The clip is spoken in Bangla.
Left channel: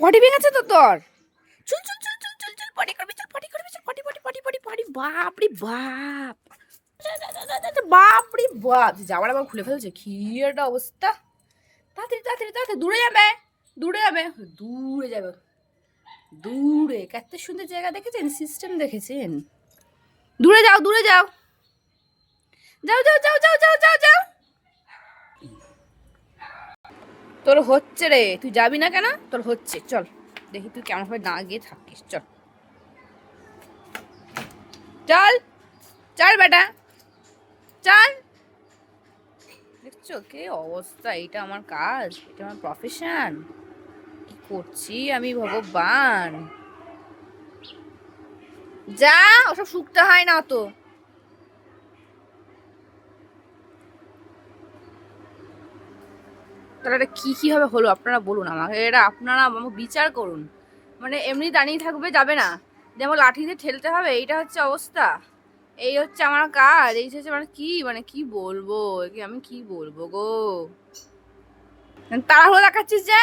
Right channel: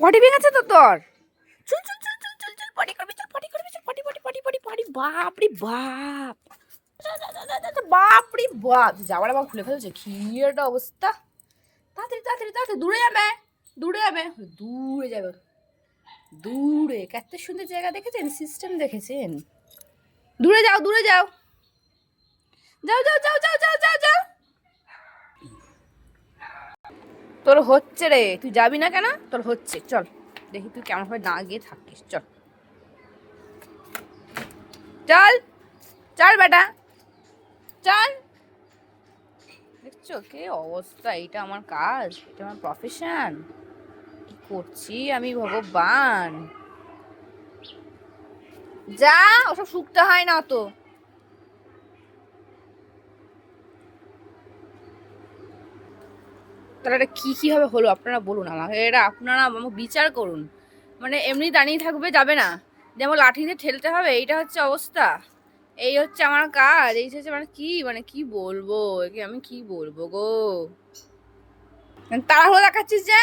পটি ভেঙেছে তো তোর? চুল চুল চুল চুল চুল চুল পটি করবি, চল পটি করবি, চল পটি পটি পটি পটি পটি। বাপ রে বাপ, বাপ রে বাপ, যাওয়ার আবার খুলে ফেলছে, কি একটা অবস্থা। তাড়াতাড়ি তাড়াতাড়ি তাড়াতাড়ি, দূরে যাবে, দূরে যাবে, দূরে যাবে, দূরে। কত সুন্দর জায়গা দেখেছেন, সিস্টেম দেখেছেন। দূরে যাও, দূরে যাও, যাও যাও যাও যাও যাও যাও যাও। তোর হচ্ছে রে, তুই যাবি না কেন? তোর হচ্ছে, চল দেখি তুই কেমন ভাবে না গিয়ে থাকিস, চল চল চল বেটা, চল। দেখছো কে অবস্থা, এটা আমার কাজ, এটা আমার প্রফেশন, কি করছি আমি ভগবান। যা, ওসব শুকতে হয় না অত। তাহলে এটা কি কি হবে হলো, আপনারা বলুন আমাকে, এটা আপনারা আমাকে বিচার করুন। মানে এমনি দাঁড়িয়ে থাকবে, যাবে না, যেমন লাঠি দিয়ে ঠেলতে হবে, এইটা হচ্ছে অবস্থা। এই হচ্ছে আমার কাজ, এই হচ্ছে মানে কি বলবো, একে আমি কি বলবো গো। তাড়াহুড়ো দেখাচ্ছিস যে।